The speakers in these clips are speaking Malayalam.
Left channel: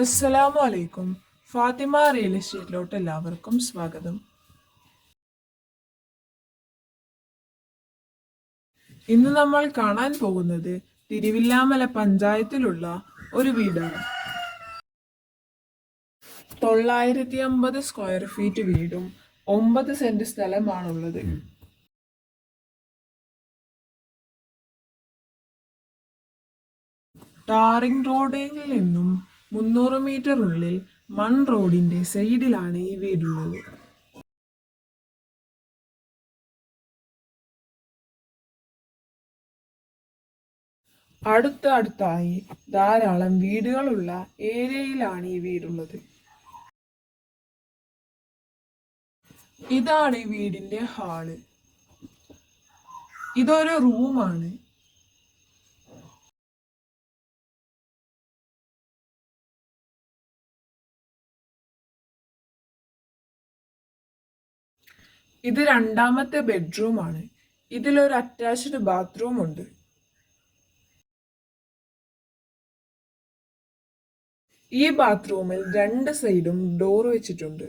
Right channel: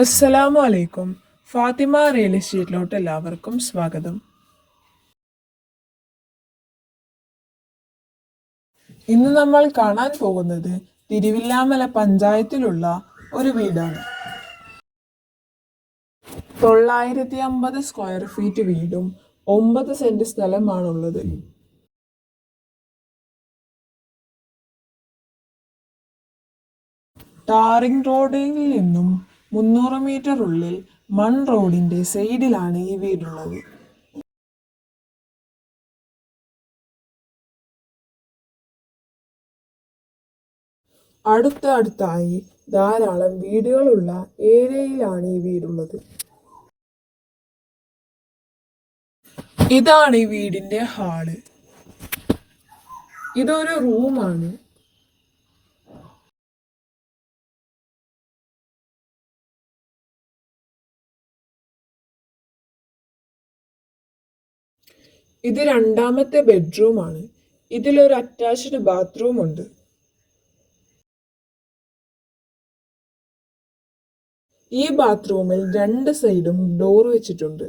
അസ്സലാമു അലൈക്കും ഫാത്തിമ റിയൽ എസ്റ്റേറ്റിലോട്ട് എല്ലാവർക്കും സ്വാഗതം. ഇന്ന് നമ്മൾ കാണാൻ പോകുന്നത് തിരുവില്ലാമല പഞ്ചായത്തിലുള്ള ഒരു വീടാണ്. തൊള്ളായിരത്തി അമ്പത് സ്ക്വയർ ഫീറ്റ് വീടും ഒമ്പത് സെന്റ് സ്ഥലമാണുള്ളത്. ടാറിംഗ് റോഡിൽ നിന്നും മുന്നൂറ് മീറ്റർ ഉള്ളിൽ മൺ റോഡിന്റെ സൈഡിലാണ് ഈ വീടുള്ളത്. അടുത്തടുത്തായി ധാരാളം വീടുകളുള്ള ഏരിയയിലാണ് ഈ വീടുള്ളത്. ഇതാണ് ഈ വീടിന്റെ ഹാൾ. ഇതൊരു റൂമാണ് ഇത് രണ്ടാമത്തെ ബെഡ്റൂമാണ്. ഇതിലൊരു അറ്റാച്ച്ഡ് ബാത്റൂം ഉണ്ട് ഈ ബാത്റൂമിൽ രണ്ട് സൈഡും ഡോർ വെച്ചിട്ടുണ്ട്.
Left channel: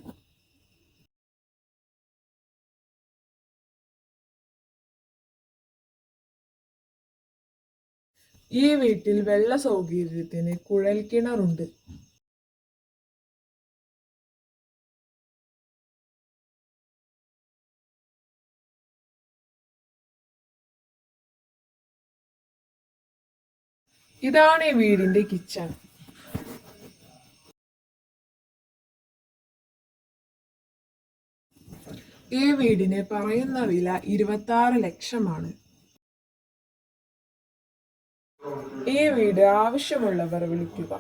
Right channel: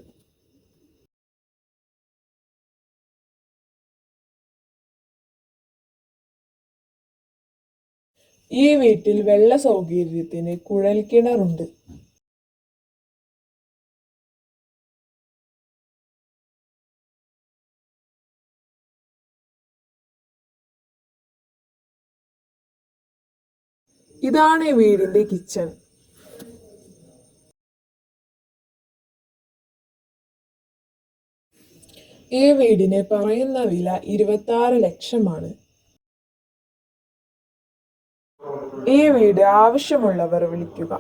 ഈ വീട്ടിൽ വെള്ള സൗകര്യത്തിന് കുഴൽ ഇതാണ് ഈ വീടിന്റെ കിച്ചൺ. ഈ വീടിന് പറയുന്ന വില ഇരുപത്തി ആറ് ലക്ഷമാണ്. ഈ വീട് ആവശ്യമുള്ളവർ വിളിക്കുക.